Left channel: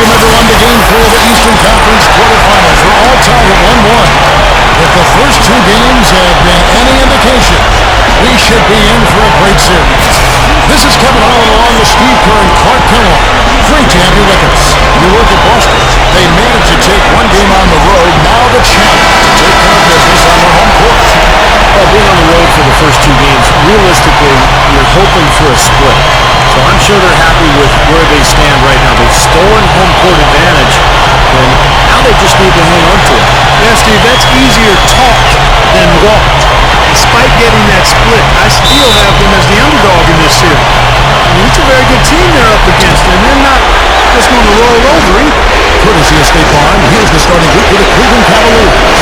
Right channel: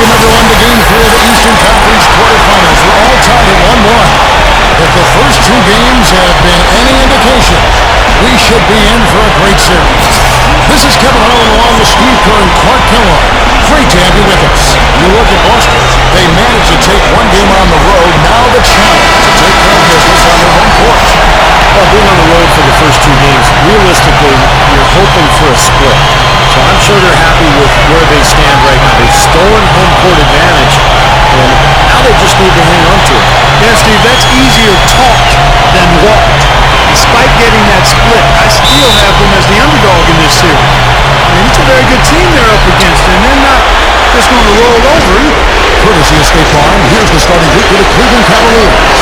Welcome, everyone, to Game 3 of the Eastern Conference quarterfinals. We're all tied at 1-1. If the first two games have been any indication, we should be in for a great series. This is Kevin Harlan along with Steve Kerr and Clark Kellogg. Great to have you with us. You look at Boston. They managed to take one game on the road. Now the challenge to take care of business on their home court. Well, being on the road for the first two games, realistically, you're hoping for a split. So I'm sure they're happy with where they stand right now. They've stolen home court advantage, and now they just need to hang on to it. Yeah, Steve, that's easier talked than walked. Despite getting that split, I still have them as the underdog in this series. I mean, it's a very good team they're up against, and they're not just going to roll over either. Courtesy of State Farm, here's the starting group for the Cleveland Cavaliers.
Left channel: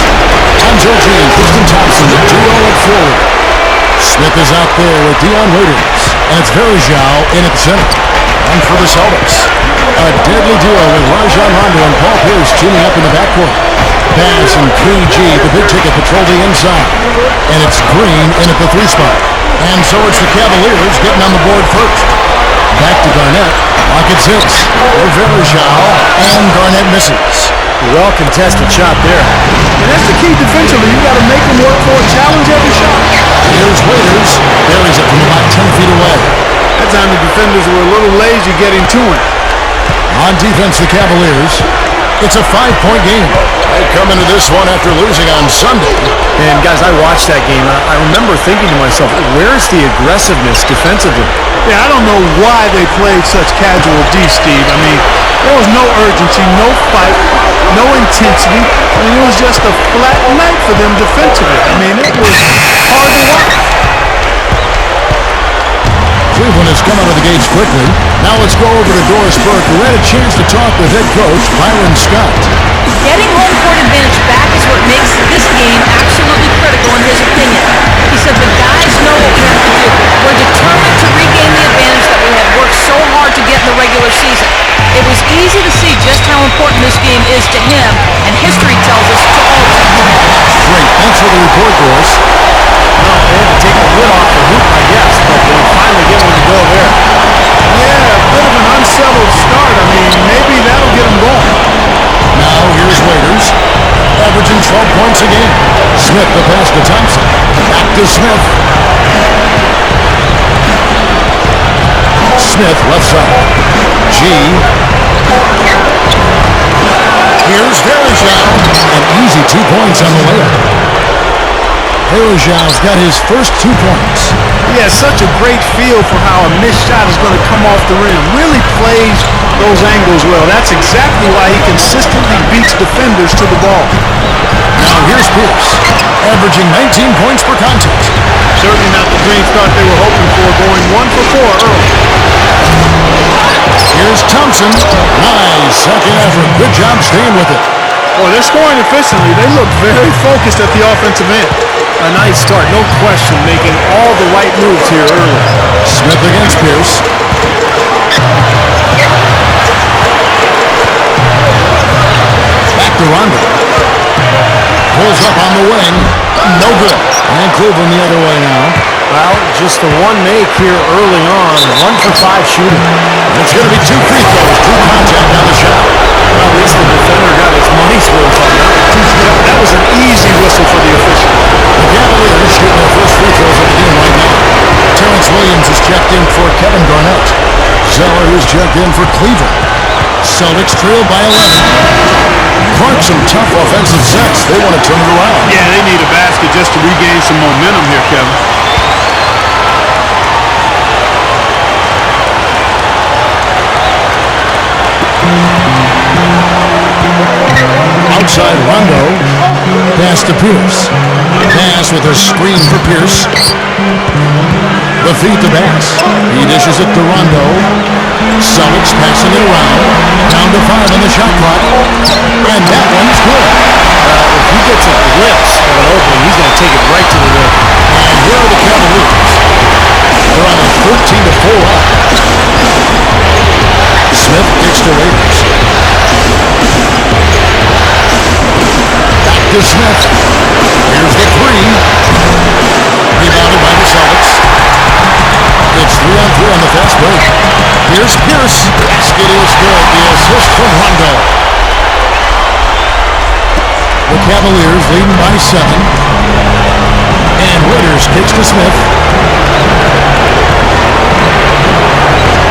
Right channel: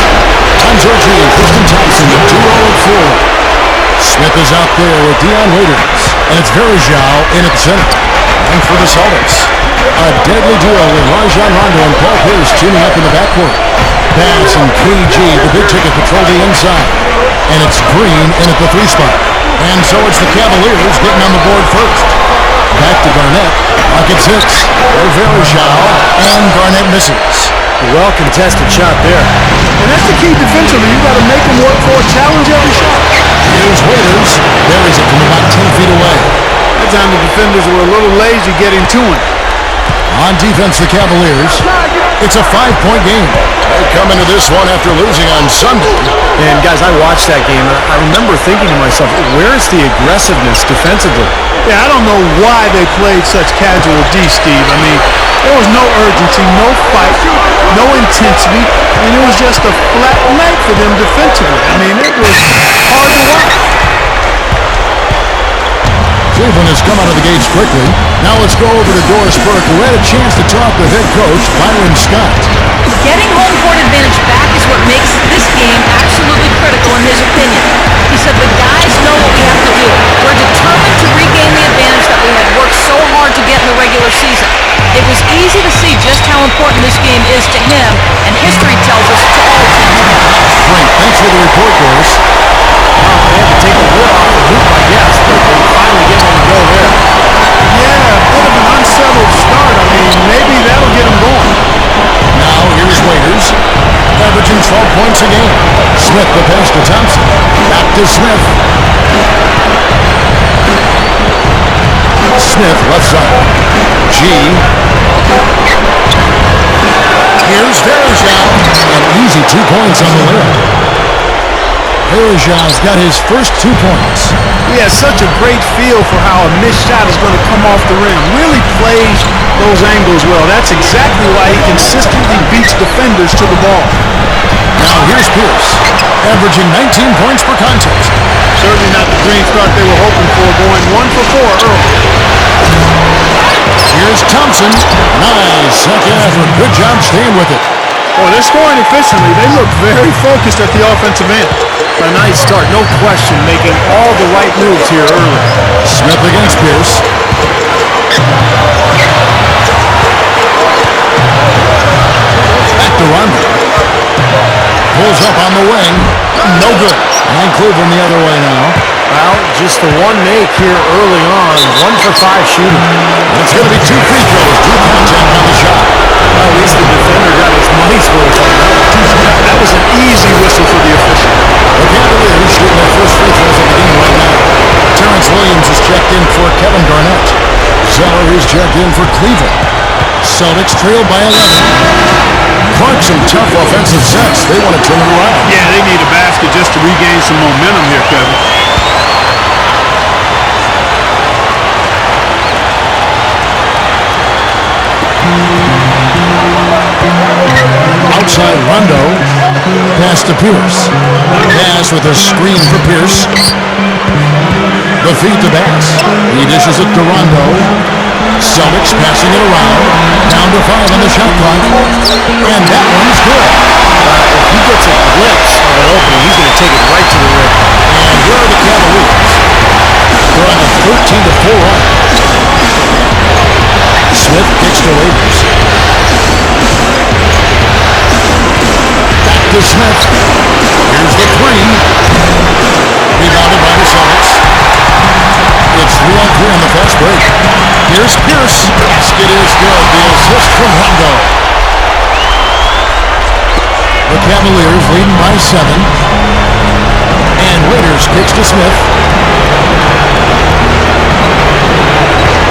Tom Georgie and Tristan Thompson, the duo at forward. Smith is out there with Dion Waiters, and it's Varejao in at the center. And for the Celtics, a deadly duo with Rajon Rondo and Paul Pierce teaming up in the backcourt. Bass and KG, the big ticket, patrol the inside. And it's Green in at the 3 spot. And so it's the Cavaliers getting on the board first. Back to Garnett. Rockets hits for Varejao, and Garnett misses. Well-contested shot there. And that's the key defensively. You've got to make them work for it, challenge every shot. Here's Waiters. Buries it from about 10 feet away. That time the defenders were a little lazy getting to him. On defense, the Cavaliers. It's a 5-point game. They come into this one after losing on Sunday. And guys, I watched that game, and I remember thinking to myself, where's the aggressiveness defensively? Yeah, I don't know why they played such casual D, Steve. I mean, there was no urgency, no fight, no intensity. I mean, it was just a flat night for them defensively. I mean, it was hard to watch. Cleveland has come out of the gates quickly. Now let's go over to Doris Burke, who had a chance to talk with head coach Byron Scott. Getting home court advantage back is what makes this game absolutely critical in his opinion. He said the guys know what we have to do. We're determined to regain the advantage that we had worked so hard to get in the regular season. It was easy to see just how important this game is to him, and history tells us to all team together. Great. Thanks for the report, Doris. Well, they had to take the lid off the hoop, I guess, but they finally get one to go there. Yeah, a bit of an unsettled start. I mean, maybe that'll get them going. Now here's Waiters, averaging 12 points a game. Smith the pass to Thompson. Back to Smith. Smith left side. G. Here's Varejao. An easy 2 points on the layup. Varejao's got his first 2 points. He has such a great feel for how a missed shot is going to come off the rim. Really plays those angles well. That's exactly why he consistently beats defenders to the ball. Now here's Pierce, averaging 19 points per contest. Certainly not the dream start they were hoping for, going 1 for 4 early. Here's Thompson. Nice second effort. Good job staying with it. Boy, they're scoring efficiently. They look very focused at the offensive end. A nice start, no question, making all the right moves here early. Smith against Pierce. Back to Rondo. Pulls up on the wing. No good. And Cleveland the other way now. Well, just the one make here early on. 1 for 5 shooting. And it's going to be 2 free throws. Drew contact on the shot. Well, at least the defender got his money's worth on that one. That was an easy whistle for the official. The Cavaliers shooting their first free throws of the game right now. Terrence Williams is checked in for Kevin Garnett. Zeller is checked in for Cleveland. Celtics trailed by 11. Clark, some tough offensive sets. They want to turn it around. Yeah, they need a basket just to regain some momentum here, Kevin. Outside Rondo. Pass to Pierce. Bass with a screen for Pierce. The feed to Bass. He dishes it to Rondo. Celtics passing it around. Down to 5 on the shot clock. And that one's good. If he gets a glimpse of an opening, he's going to take it right to the rim. And here are the Cavaliers. They're on a 13-4 run. Smith kicks to Waiters. Back to Smith. Here's the 3. Rebounded by the Celtics. It's 3-on-3 on the fast break. Here's Pierce. Basket is good. The assist from Rondo. The Cavaliers leading by 7. And Waiters kicks to Smith.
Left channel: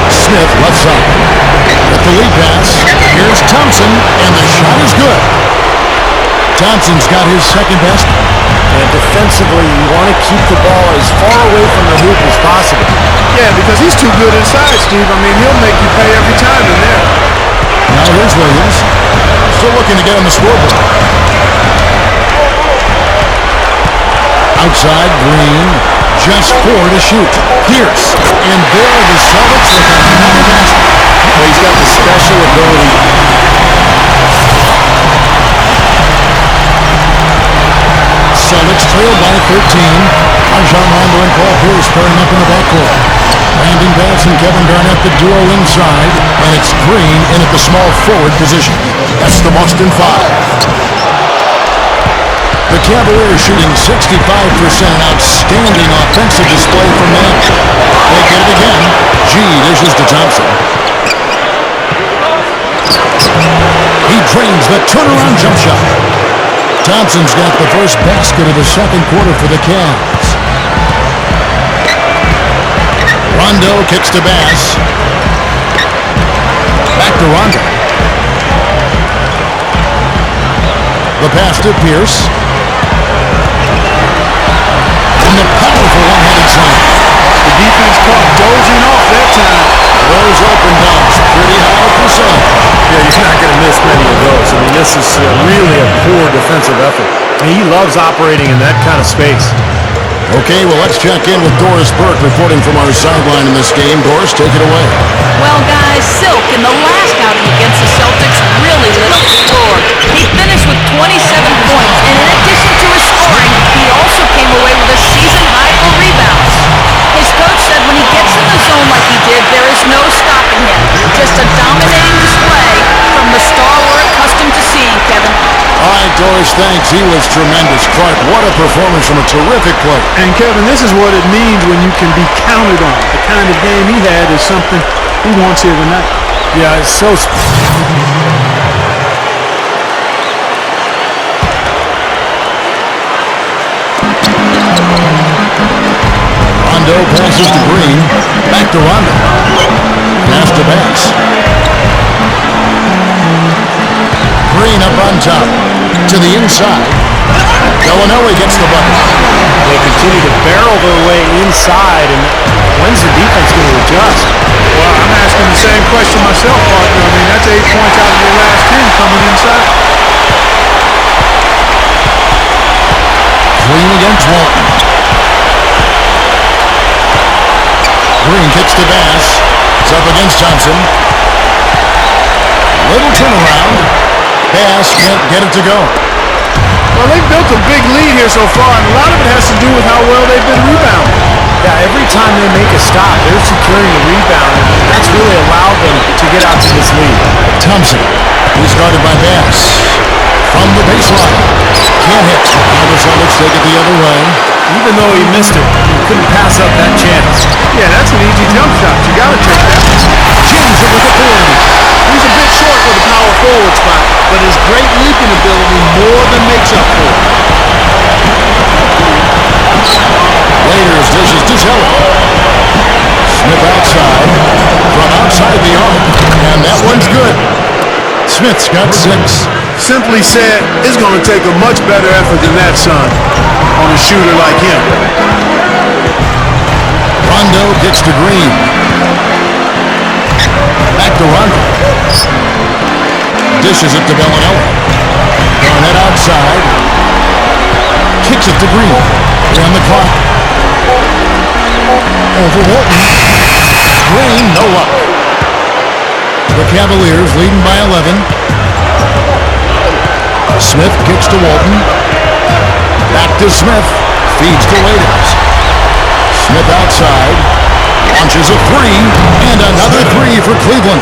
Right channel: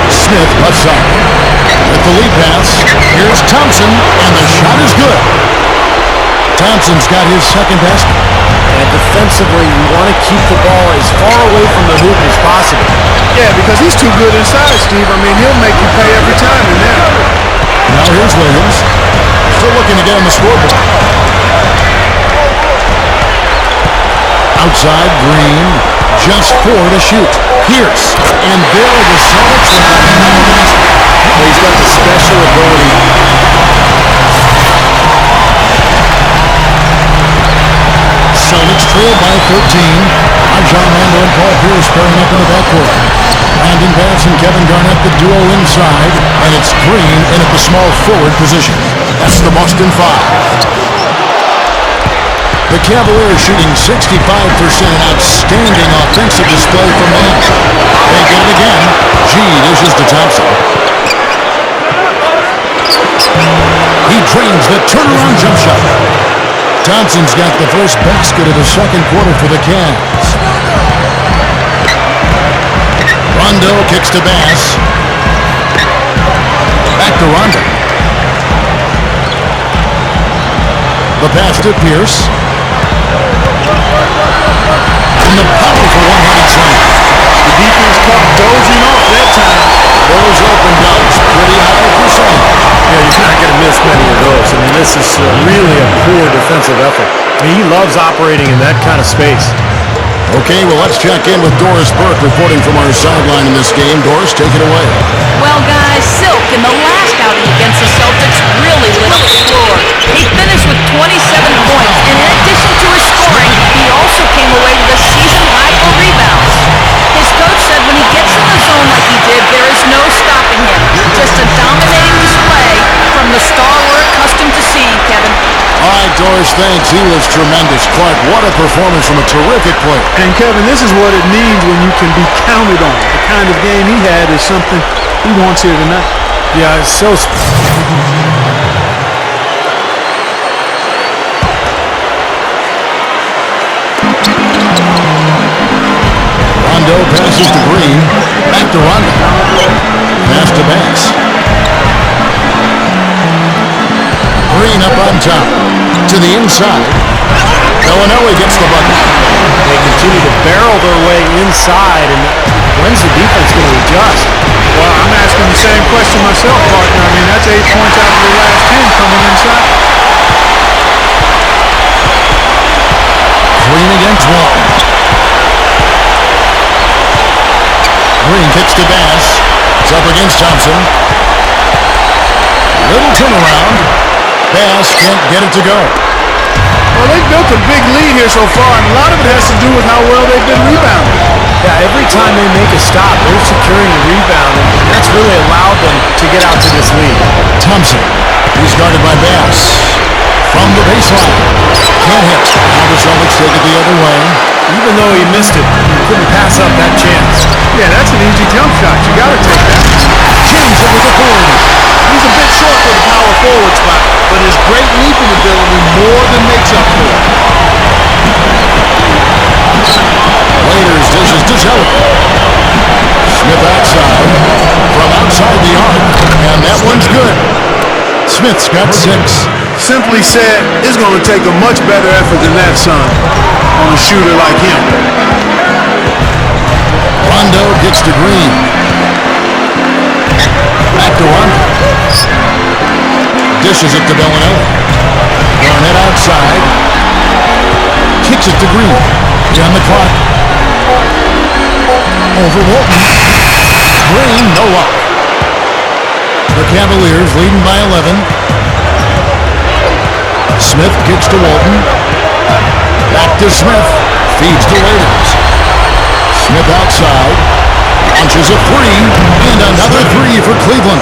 Smith left side. With the lead pass, here's Thompson, and the shot is good. Thompson's got his second basket. And defensively, you want to keep the ball as far away from the hoop as possible. Yeah, because he's too good inside, Steve. I mean, he'll make you pay every time in there. Now here's Williams. Still looking to get on the scoreboard. Outside, Green. Just 4 to shoot. Pierce. And there are the Celtics with another basket. Well, he's got the special ability. Celtics trail by 13. Rajon Rondo and Paul Pierce pairing up in the backcourt. Brandon Bass and Kevin Garnett, the duo inside. And it's Green in at the small forward position. That's the Boston 5. The Cavaliers shooting 65%, an outstanding offensive display from them. They get it again. G dishes to Thompson. He drains the turnaround jump shot. Thompson's got the first basket of the second quarter for the Cavs. Rondo kicks to Bass. Back to Rondo. The pass to Pierce. And the powerful one-handed slam. The defense caught dozing off that time. Those open dunks, pretty high percentage. Yeah, you're not going to miss many of those. I mean, this is really a poor defensive effort. He loves operating in that kind of space. Okay, well, let's check in with Doris Burke reporting from our sideline in this game. Doris, take it away. Well, guys, Silk in the last outing against the Celtics really lit up the floor. He finished with 27 points, and in addition to his scoring, he also came away with a season high for rebounds. His coach said when he gets in the zone like he did, there is no stopping him. Just a dominating display from the star we're accustomed to seeing, Kevin. All right, Doris, thanks. He was tremendous. Clark, what a performance from a terrific player. And, Kevin, this is what it means when you can be counted on. The kind of game he had is something he wants here tonight. Yeah, it's so... Rondo passes to Green. Back to Rondo. Pass to Bass. Green up on top. To the inside. Bellinelli gets the bucket. They continue to barrel their way inside, and when's the defense going to adjust? Well, I'm asking the same question myself, partner. I mean, that's 8 points out of their last 10 coming inside. Green against Walton. Green kicks to Bass. It's up against Thompson. Little turnaround. Bass can't get it to go. Well, they've built a big lead here so far, and a lot of it has to do with how well they've been rebounding. Yeah, every time they make a stop, they're securing the rebound, and that's really allowed them to get out to this lead. Thompson. He's guarded by Bass. From the baseline. Can't hit. Now the Celtics take it the other way. Even though he missed it, he couldn't pass up that chance. Yeah, that's an easy jump shot. You got to take that. Jams it with authority. He's a bit short for the power forward spot, but his great leaping ability more than makes up for it. Waiters dishes to Zeller. Smith outside. From outside the arc. And that one's good. Smith's got 6. Simply said, it's going to take a much better effort than that, son, on a shooter like him. Rondo kicks to Green. Back to Rondo. Dishes it to Bellinelli. Garnett outside. Kicks it to Green. 3 on the clock. Over Walton. Green, no luck. The Cavaliers leading by 11. Smith kicks to Walton. Back to Smith. Feeds to Waiters. Smith outside. Launches a 3. And another 3 for Cleveland.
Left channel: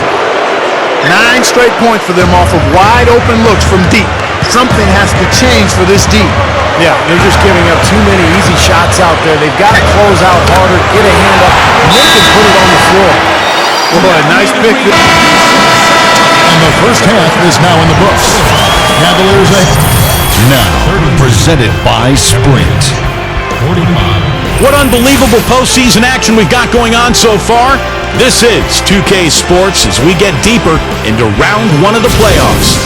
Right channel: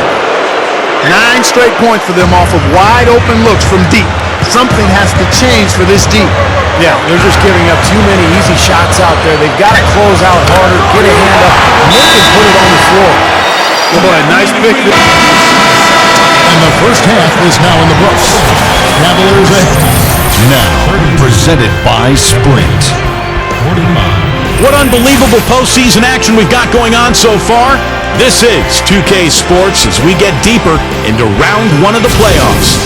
9 straight points for them off of wide open looks from deep. Something has to change for this deep. Yeah, they're just giving up too many easy shots out there. They've got to close out harder, get a hand up, make him put it on the floor. Boy, nice pick. And the first half is now in the books. Cavaliers ahead. Now, presented by Sprint. 45. What unbelievable postseason action we've got going on so far. This is 2K Sports as we get deeper into round one of the playoffs.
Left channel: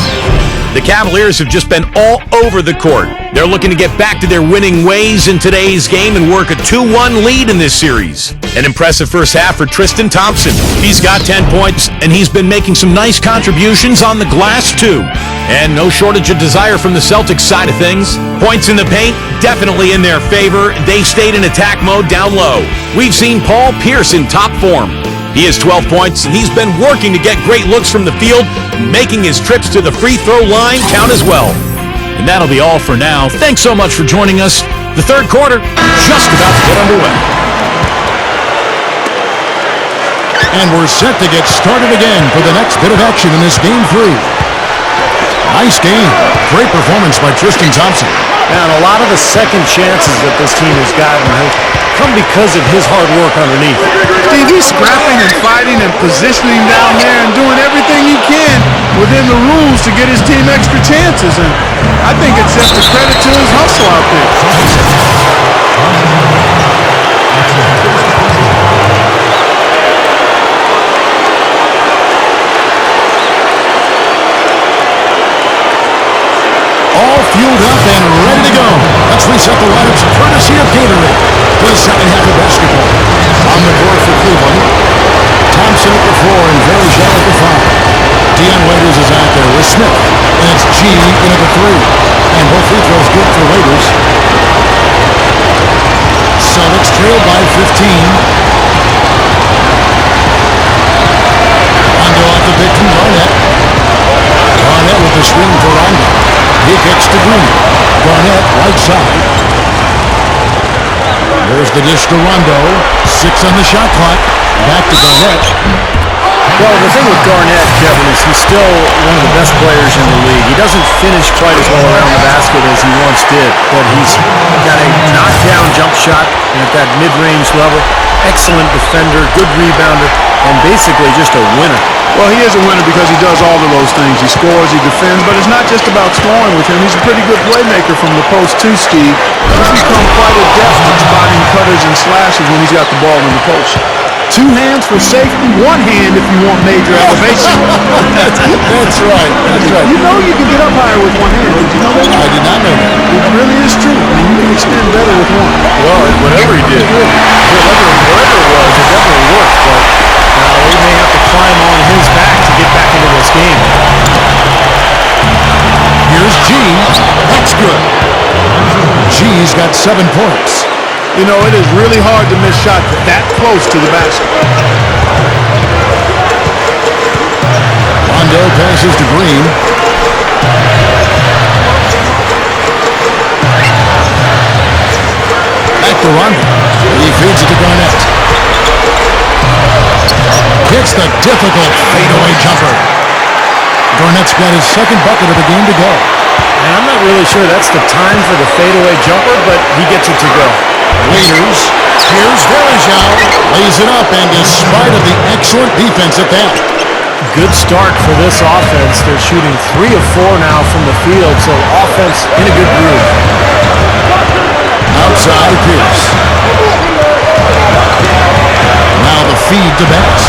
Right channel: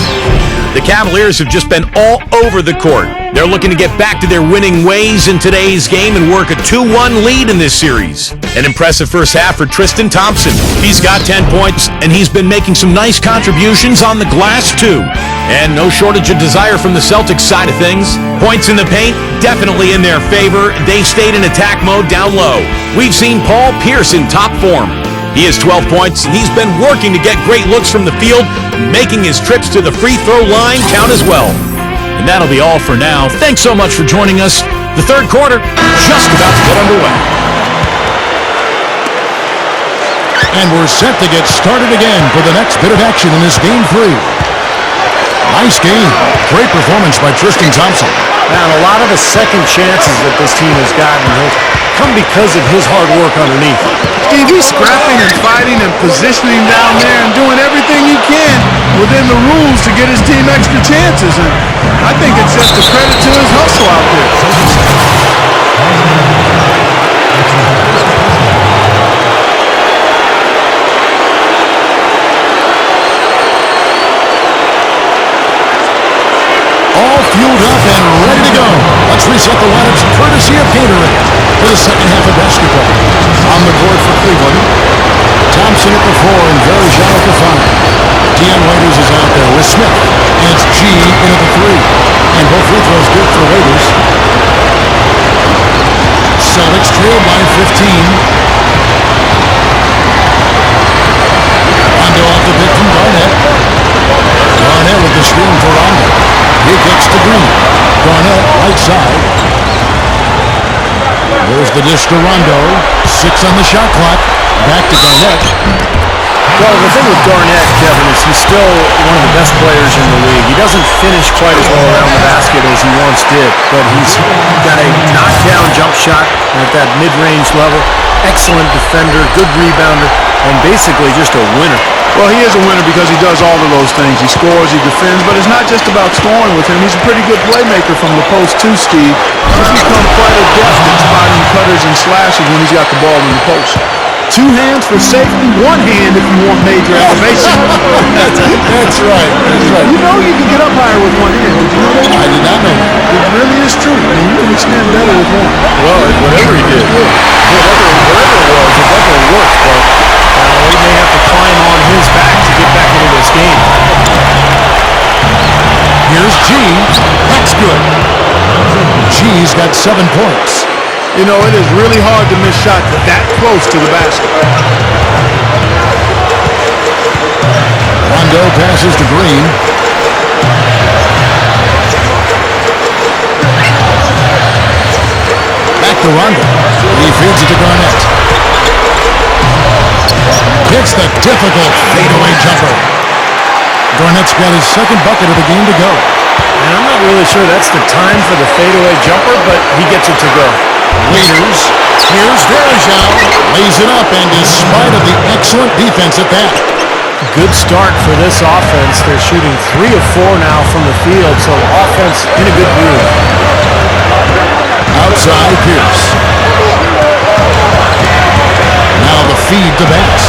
The Cavaliers have just been all over the court. They're looking to get back to their winning ways in today's game and work a 2-1 lead in this series. An impressive first half for Tristan Thompson. He's got 10 points, and he's been making some nice contributions on the glass, too. And no shortage of desire from the Celtics side of things. Points in the paint, definitely in their favor. They stayed in attack mode down low. We've seen Paul Pierce in top form. He has 12 points, and he's been working to get great looks from the field, making his trips to the free throw line count as well. And that'll be all for now. Thanks so much for joining us. The third quarter just about to get underway. And we're set to get started again for the next bit of action in this Game 3. Nice game. Great performance by Tristan Thompson. Man, a lot of the second chances that this team has gotten have come because of his hard work underneath. Steve, he's scrapping and fighting and positioning down there and doing everything he can within the rules to get his team extra chances. And I think it's just a credit to his hustle out there. All fueled up and ready to go. Let's reset the lineups courtesy of Gatorade for the second half of basketball. On the court for Cleveland, Thompson at the 4 and Varejao at the 5. Dion Waiters is out there with Smith, and it's G in at the 3. And both free throws good for Waiters. Celtics trailed by 15. Rondo off the pick from Garnett. Garnett with the screen for Rondo. He kicks to Green. Garnett, right side. There's the dish to Rondo. 6 on the shot clock. Back to Garnett. Well, the thing with Garnett, Kevin, is he's still one of the best players in the league. He doesn't finish quite as well around the basket as he once did, but he's got a knockdown jump shot at that mid-range level. Excellent defender, good rebounder, and basically just a winner. Well, he is a winner because he does all of those things. He scores, he defends, but it's not just about scoring with him. He's a pretty good playmaker from the post too, Steve. He's become quite adept at spotting cutters and slashes when he's got the ball in the post. 2 hands for safety, 1 hand if you want major elevation. That's right. That's right. You know you can get up higher with 1 hand. Did you know that? I did not know that. It really is true. I mean, you can extend better with 1. Well, whatever he did, whatever it was, it definitely worked, but they may have to climb on his back to get back into this game. Here's G. That's good. G's got 7 points. You know, it is really hard to miss shots that close to the basket. Rondo passes to Green. Back to Rondo. He feeds it to Garnett. Hits the difficult fadeaway jumper. Garnett's got his second bucket of the game to go. And I'm not really sure that's the time for the fadeaway jumper, but he gets it to go. Waiters. Here's Varejao. Lays it up, and despite of the excellent defense at that. Good start for this offense. They're shooting 3 of 4 now from the field, so offense in a good groove. Outside Pierce. Now the feed to Bass.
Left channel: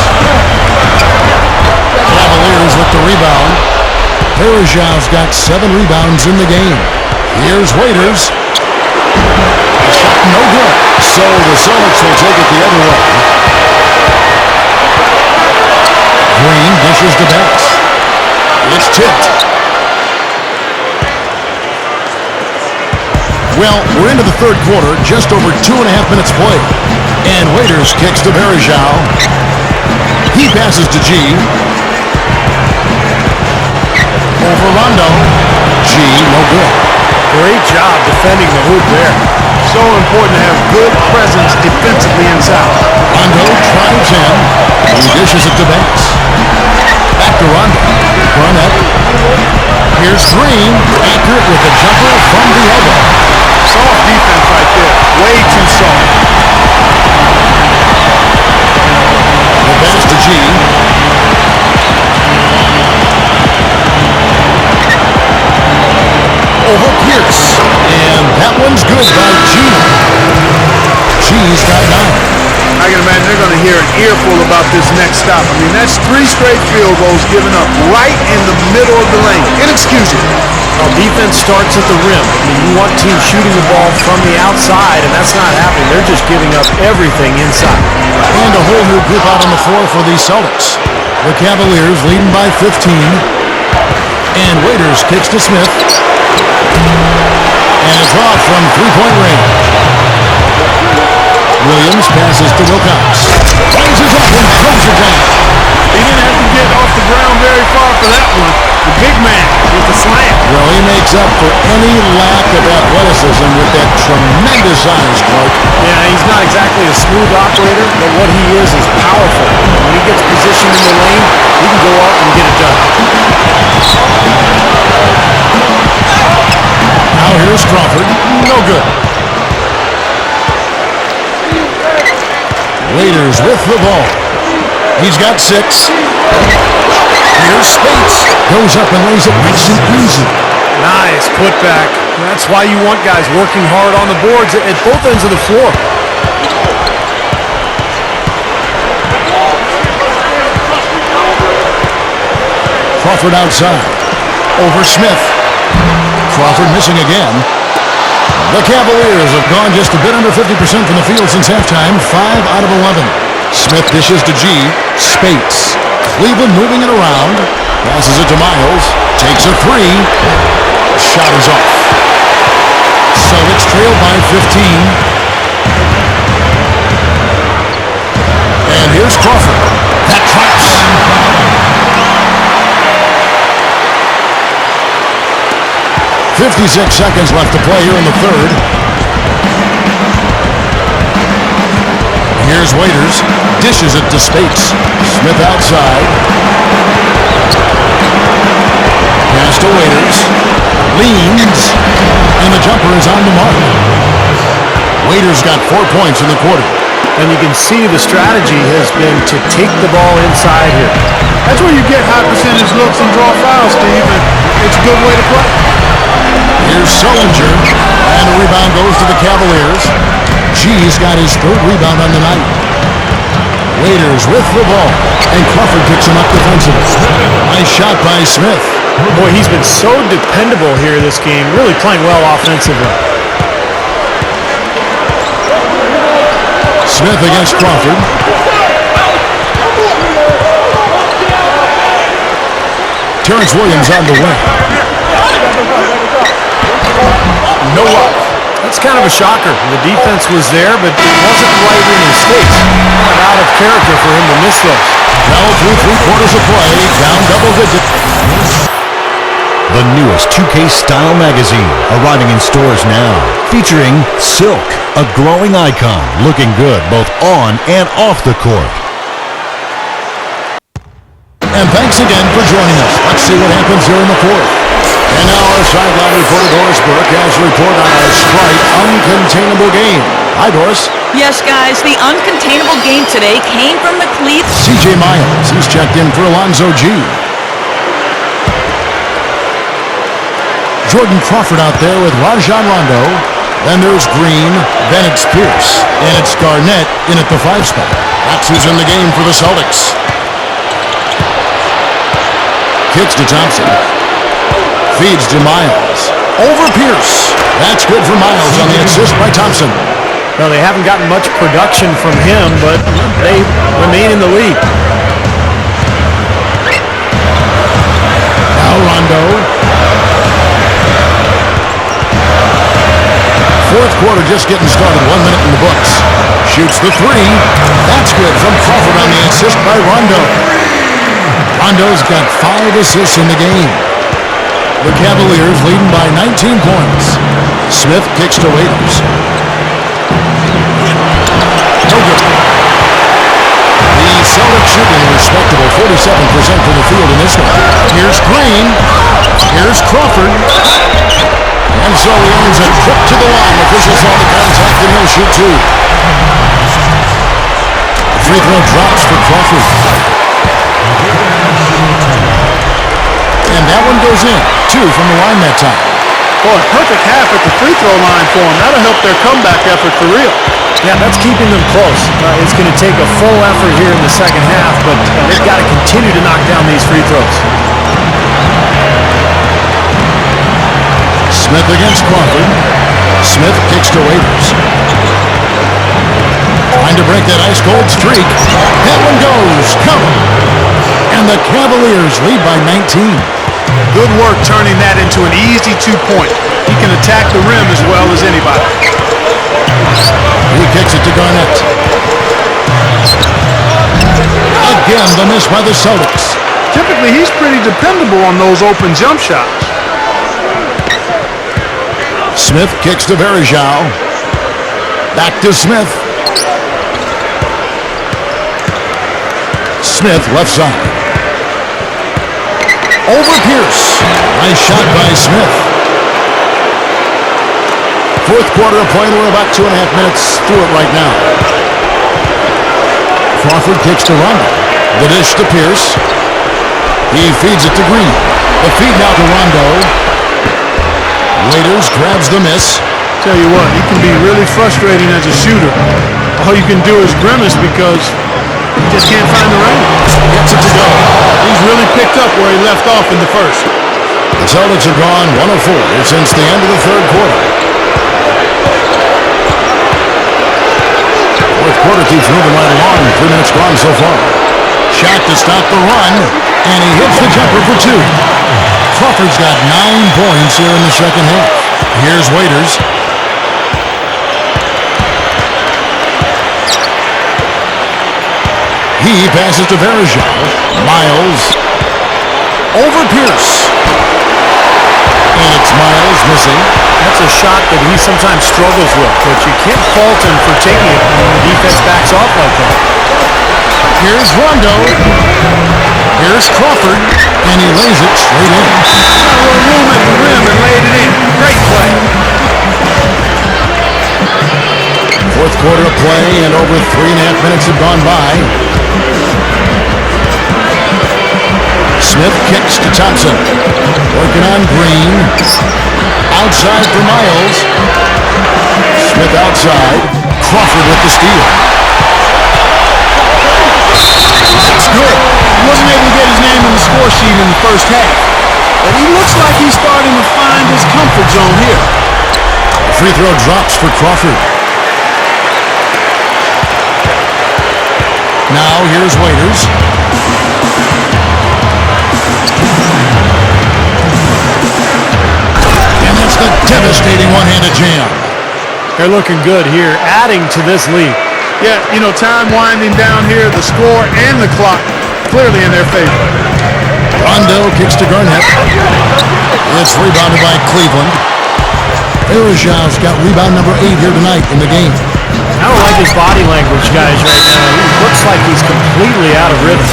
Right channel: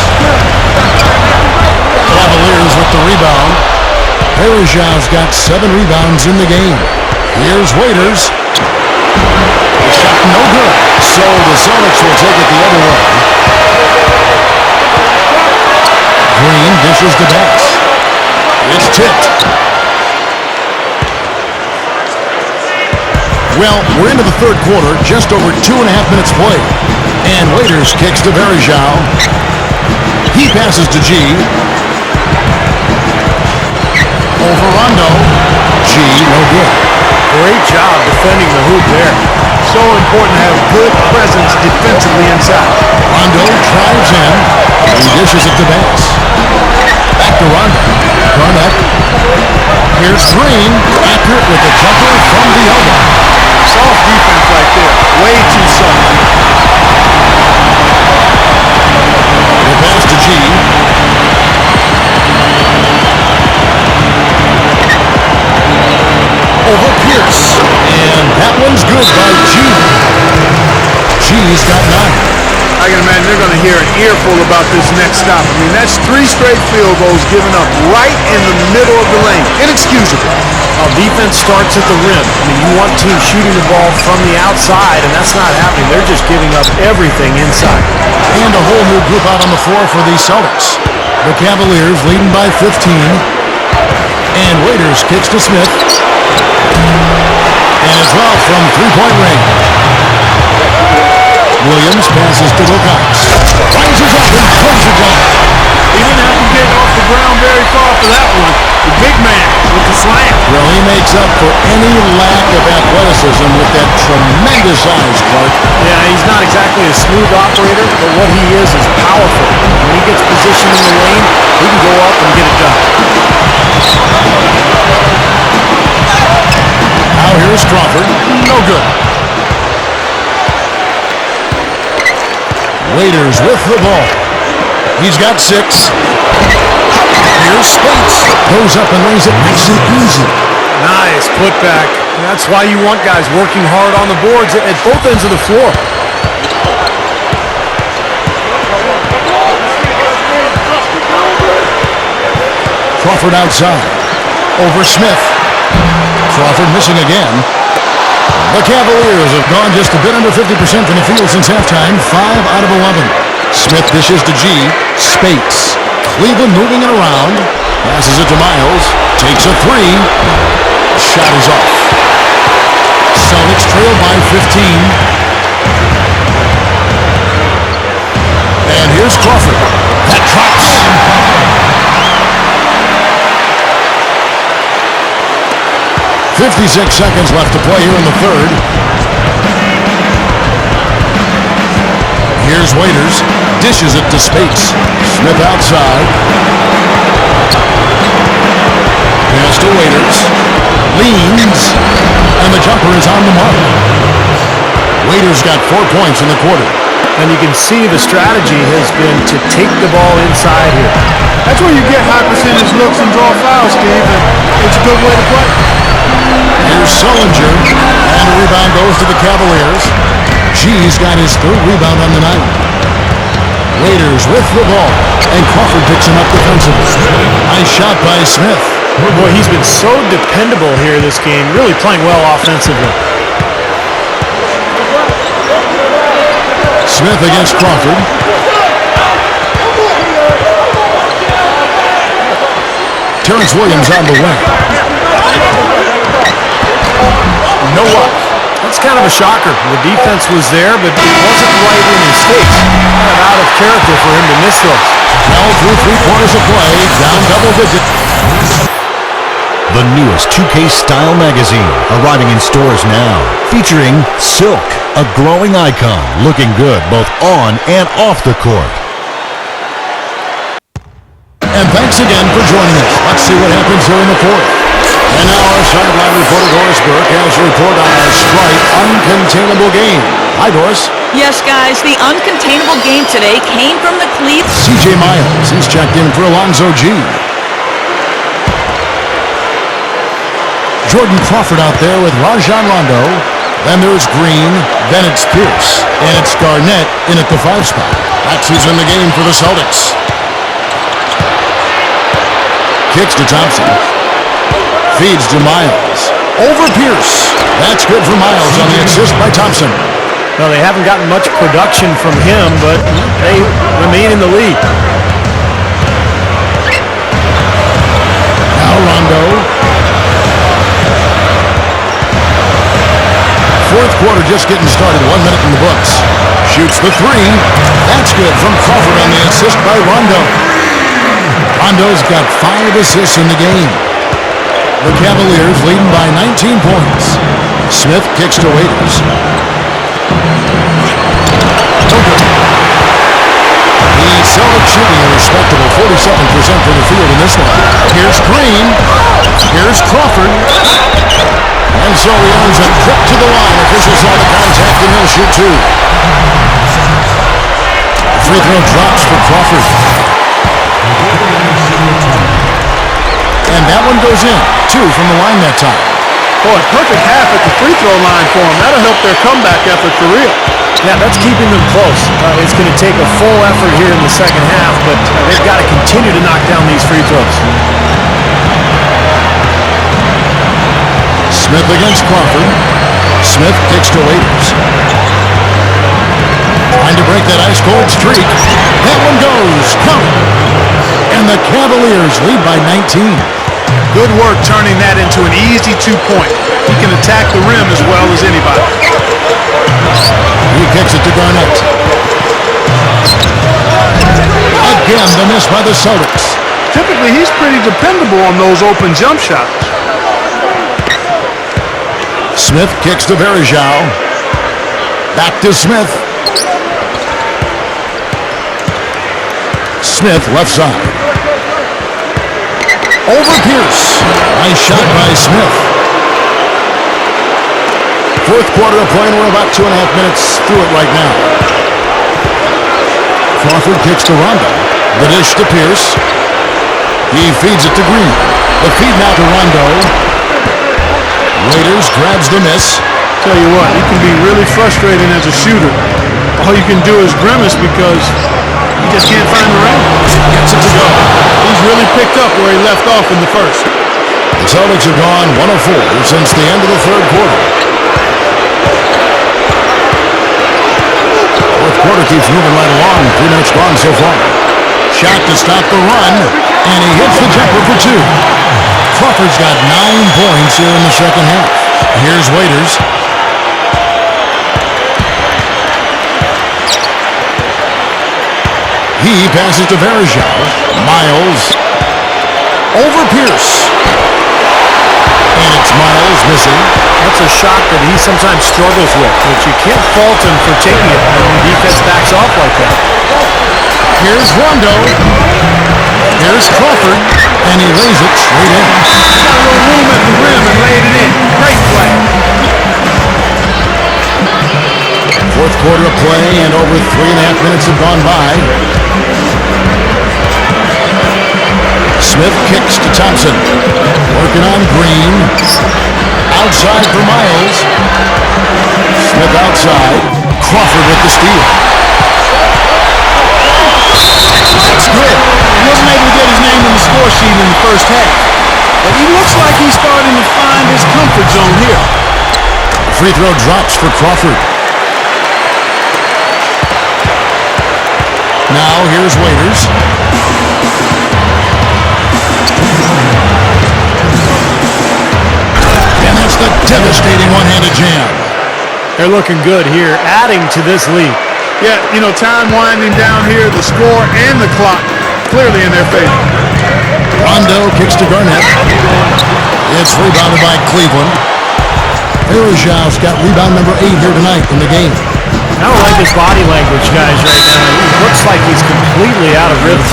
Cavaliers with the rebound. Varejao's got 7 rebounds in the game. Here's Waiters. The shot no good. So the Celtics will take it the other way. Green dishes to Bass. It's tipped. Well, we're into the third quarter, just over 2.5 minutes played. And Waiters kicks to Varejao. He passes to G. Over Rondo. G, no good. Great job defending the hoop there. So important to have good presence defensively inside. Rondo drives in. He dishes it to Bass. Back to Rondo. Garnett. Here's Green. Accurate with the jumper from the elbow. Soft defense right there. Way too soft. The pass to G. Over Pierce. And that one's good by G. G's got 9. I can imagine they're going to hear an earful about this next stop. I mean, that's 3 straight field goals given up right in the middle of the lane. Inexcusable. Well, defense starts at the rim. I mean, you want teams shooting the ball from the outside, and that's not happening. They're just giving up everything inside. And a whole new group out on the floor for the Celtics. The Cavaliers leading by 15. And Waiters kicks to Smith. And it's off from three-point range. Williams passes to Wilcox. Rises up and throws it down. He didn't have to get off the ground very far for that one. The big man with the slam. Well, he makes up for any lack of athleticism with that tremendous size, Clark. Yeah, he's not exactly a smooth operator, but what he is powerful. When he gets positioned in the lane, he can go up and get it done. Now here's Crawford. No good. Waiters with the ball. He's got 6. Here's Spates. Goes up and lays it nice and easy. Nice putback. That's why you want guys working hard on the boards at both ends of the floor. Crawford outside. Over Smith. Crawford missing again. The Cavaliers have gone just a bit under 50% from the field since halftime. 5 out of 11. Smith dishes to G. Spates. Cleveland moving it around. Passes it to Miles. Takes a 3. Shot is off. Celtics trail by 15. And here's Crawford. That drops. .56 seconds left to play here in the third. Here's Waiters. Dishes it to Spates. Smith outside. Pass to Waiters. Leans. And the jumper is on the mark. Waiters got 4 points in the quarter. And you can see the strategy has been to take the ball inside here. That's where you get high percentage looks and draw fouls, Steve, and it's a good way to play. Here's Sullinger, and a rebound goes to the Cavaliers. G's got his 3rd rebound on the night. Waiters with the ball, and Crawford picks him up defensively. Nice shot by Smith. Boy, he's been so dependable here this game, really playing well offensively. Smith against Crawford. Terrence Williams on the wing. No luck. That's kind of a shocker. The defense was there, but it wasn't right in his face. Kind of out of character for him to miss those. Well, through 3 quarters of play, down double digits. The newest 2K Style magazine, arriving in stores now, featuring Silk, a growing icon, looking good both on and off the court. And thanks again for joining us. Let's see what happens here in the fourth. And now our sideline reporter Doris Burke has a report on our Sprite Uncontainable game. Hi, Doris. Yes, guys, the uncontainable game today came from the Cleveland. C.J. Miles, he's checked in for Alonzo G. Jordan Crawford out there with Rajon Rondo. Then there's Green. Then it's Pierce. And it's Garnett in at the 5 spot. That's who's in the game for the Celtics. Kicks to Thompson. Feeds to Miles. Over Pierce. That's good for Miles on the assist by Thompson. Well, they haven't gotten much production from him, but they remain in the lead. Now Rondo. Fourth quarter just getting started. 1 minute in the books. Shoots the 3. That's good from Crawford on the assist by Rondo. Rondo's got 5 assists in the game. The Cavaliers leading by 19 points. Smith kicks to Waiters. No good. The Celtics shooting a respectable 47% from the field in this one. Here's Green. Here's Crawford. And so he earns a trip to the line. Officials saw the contact and he'll shoot 2. free throw drops for Crawford. And that one goes in. 2 from the line that time. Boy, perfect half at the free throw line for them. That'll help their comeback effort for real. Yeah, that's keeping them close. It's going to take a full effort here in the second half, but they've got to continue to knock down these free throws. Smith against Crawford. Smith kicks to Waiters. Trying to break that ice-cold streak. That one goes. Count it. And the Cavaliers lead by 19. Good work turning that into an easy 2-point. He can attack the rim as well as anybody. He kicks it to Garnett. Again, the miss by the Celtics. Typically, he's pretty dependable on those open jump shots. Smith kicks to Varejao. Back to Smith. Smith left side. Over Pierce. Nice shot by Smith. Fourth quarter of play, and we're about 2.5 minutes through it right now. Crawford kicks to Rondo. The dish to Pierce. He feeds it to Green. The feed now to Rondo. Waiters grabs the miss. Tell you what, he can be really frustrating as a shooter. All you can do is grimace because he just can't find the range. Gets it to go. He's really picked up where he left off in the first. The Celtics have gone 1 of 4 since the end of the third quarter. Fourth quarter keeps moving right along. 3 minutes gone so far. Shot to stop the run, and he hits the jumper for 2. Crawford's got 9 points here in the second half. Here's Waiters. He passes to Varejao. Miles. Over Pierce. And it's Miles missing. That's a shot that he sometimes struggles with, but you can't fault him for taking it when the defense backs off like that. Here's Rondo. Here's Crawford. And he lays it straight in. Got a little room at the rim and laid it in. Great play. Fourth quarter of play, and over 3.5 minutes have gone by. Smith kicks to Thompson. Working on Green. Outside for Miles. Smith outside. Crawford with the steal. That's good. He wasn't able to get his name on the score sheet in the first half, but he looks like he's starting to find his comfort zone here. The free throw drops for Crawford. Now here's Waiters. And that's the devastating one-handed jam. They're looking good here, adding to this lead. Yeah, you know, time winding down here, the score and the clock clearly in their favor. Rondo kicks to Garnett. It's rebounded by Cleveland. Varejao's got rebound number 8 here tonight in the game. I don't like his body language, guys, right now. He looks like he's completely out of rhythm.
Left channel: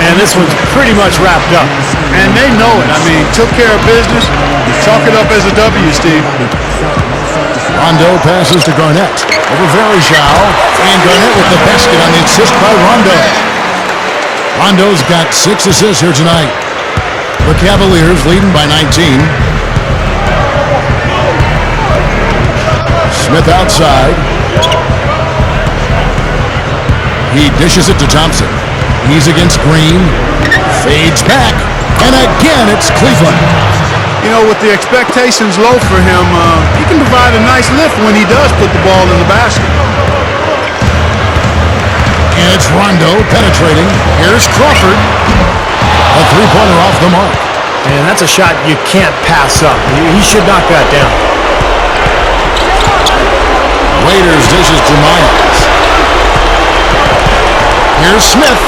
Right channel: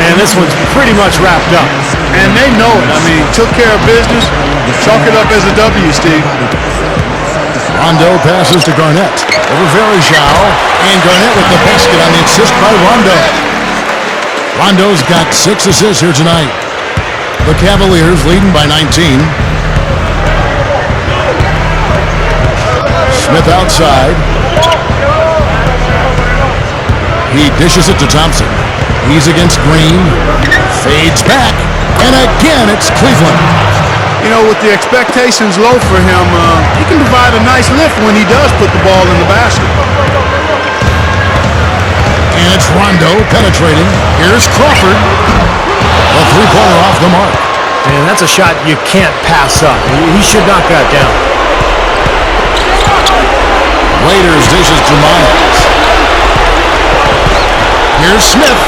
And this one's pretty much wrapped up. And they know it. I mean, took care of business. Chalk it up as a W, Steve. Rondo passes to Garnett. Over Varejao. And Garnett with the basket on the assist by Rondo. Rondo's got 6 assists here tonight. The Cavaliers leading by 19. Smith outside. He dishes it to Thompson. He's against Green. Fades back. And again, it's Cleveland. You know, with the expectations low for him, he can provide a nice lift when he does put the ball in the basket. And it's Rondo penetrating. Here's Crawford. A three-pointer off the mark. And that's a shot you can't pass up. He should knock that down. Waiters dishes to Miles. Here's Smith.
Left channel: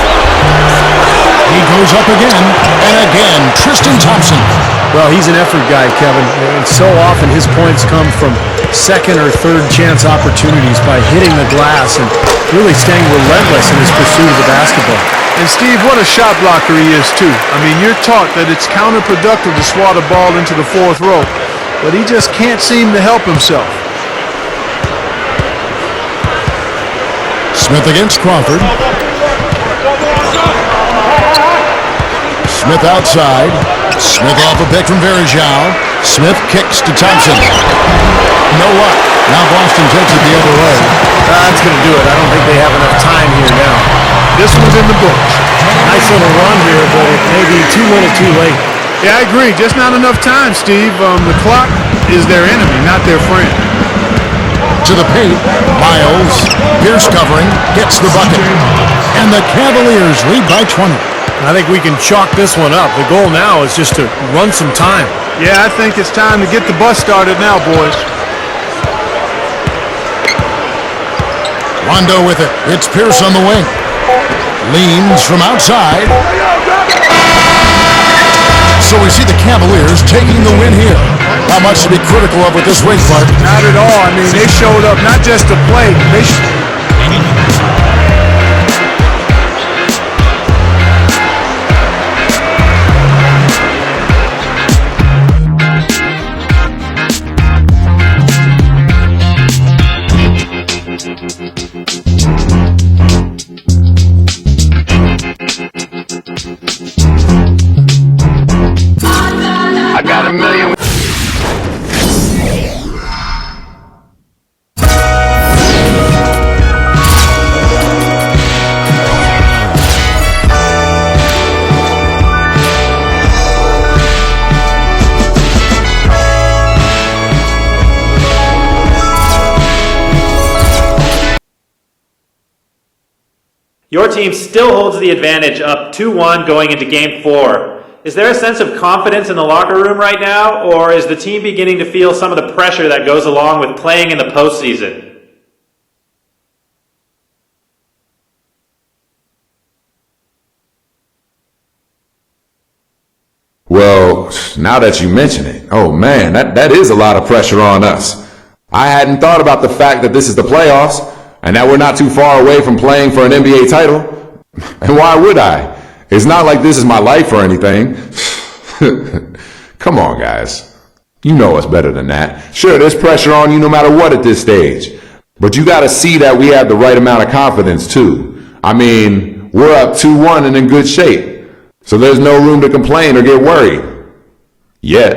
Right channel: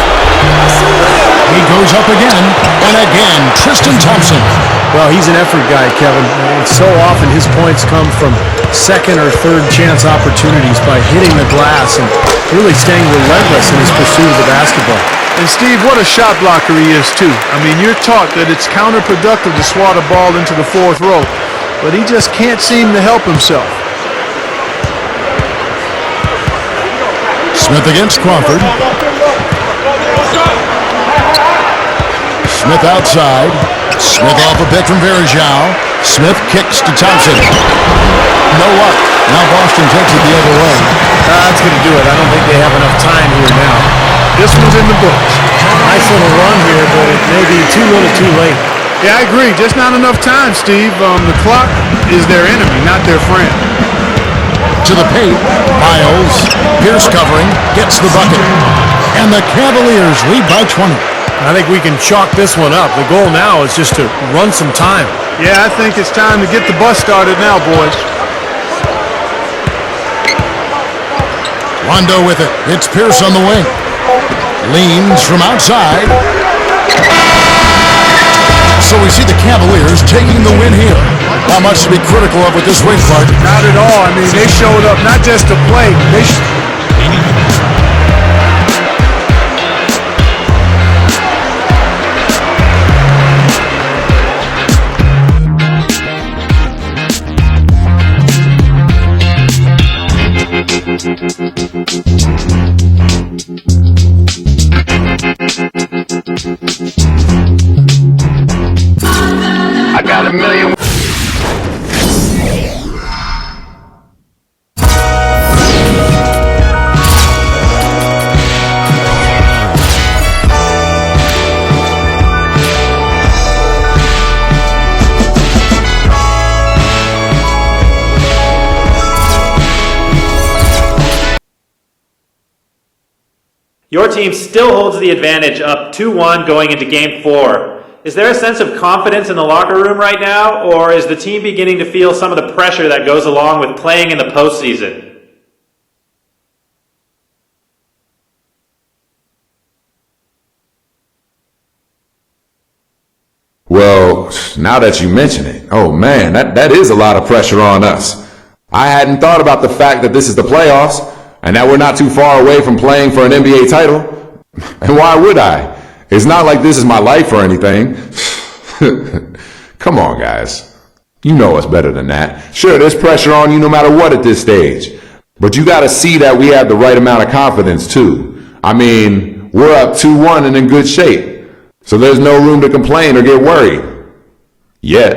He goes up again, and again, Tristan Thompson. Well, he's an effort guy, Kevin, and so often his points come from second or third chance opportunities by hitting the glass and really staying relentless in his pursuit of the basketball. And Steve, what a shot blocker he is too. I mean, you're taught that it's counterproductive to swat a ball into the fourth row, but he just can't seem to help himself. Smith against Crawford. Smith outside. Smith off a pick from Varejao. Smith kicks to Thompson. No luck. Now Boston takes it the other way. That's going to do it. I don't think they have enough time here now. This one's in the books. Nice little run here, but it may be too little too late. Yeah, I agree. Just not enough time, Steve. The clock is their enemy, not their friend. To the paint. Miles. Pierce covering. Gets the bucket. And the Cavaliers lead by 20. I think we can chalk this one up. The goal now is just to run some time. Yeah, I think it's time to get the bus started now, boys. Rondo with it. It's Pierce on the wing. Leans from outside. So we see the Cavaliers taking the win here. Not much to be critical of with this win, Clark. Not at all. I mean, they showed up not just to play. I got a million. Your team still holds the advantage up 2-1 going into Game 4. Is there a sense of confidence in the locker room right now, or is the team beginning to feel some of the pressure that goes along with playing in the postseason? Well, now that you mention it, oh man, that is a lot of pressure on us. I hadn't thought about the fact that this is the playoffs, and that we're not too far away from playing for an NBA title. And why would I? It's not like this is my life or anything. Come on, guys. You know us better than that. Sure, there's pressure on you no matter what at this stage. But you gotta see that we have the right amount of confidence, too. I mean, we're up 2-1 and in good shape. So there's no room to complain or get worried. Yet.